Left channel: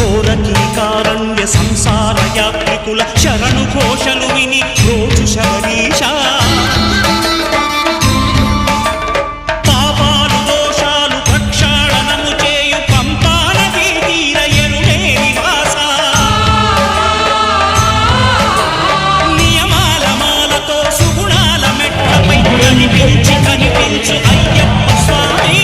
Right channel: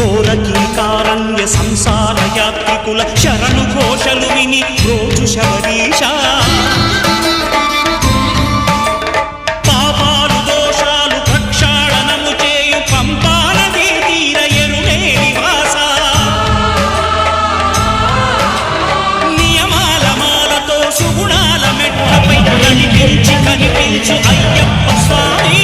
ఘోరకీకారణ్య సంసార యాత్రికుల శరణు ఘోషలు విని రోజు శబరీష పాపాలు దోషాలు ప్రక్షాళనము చేయు పంపానదీ తీర ఎరుమే నివాస నియమాల మాలతో సుగుణాల మెట్లపై నడిపించి కనిపించు అయ్యప్ప స్వామి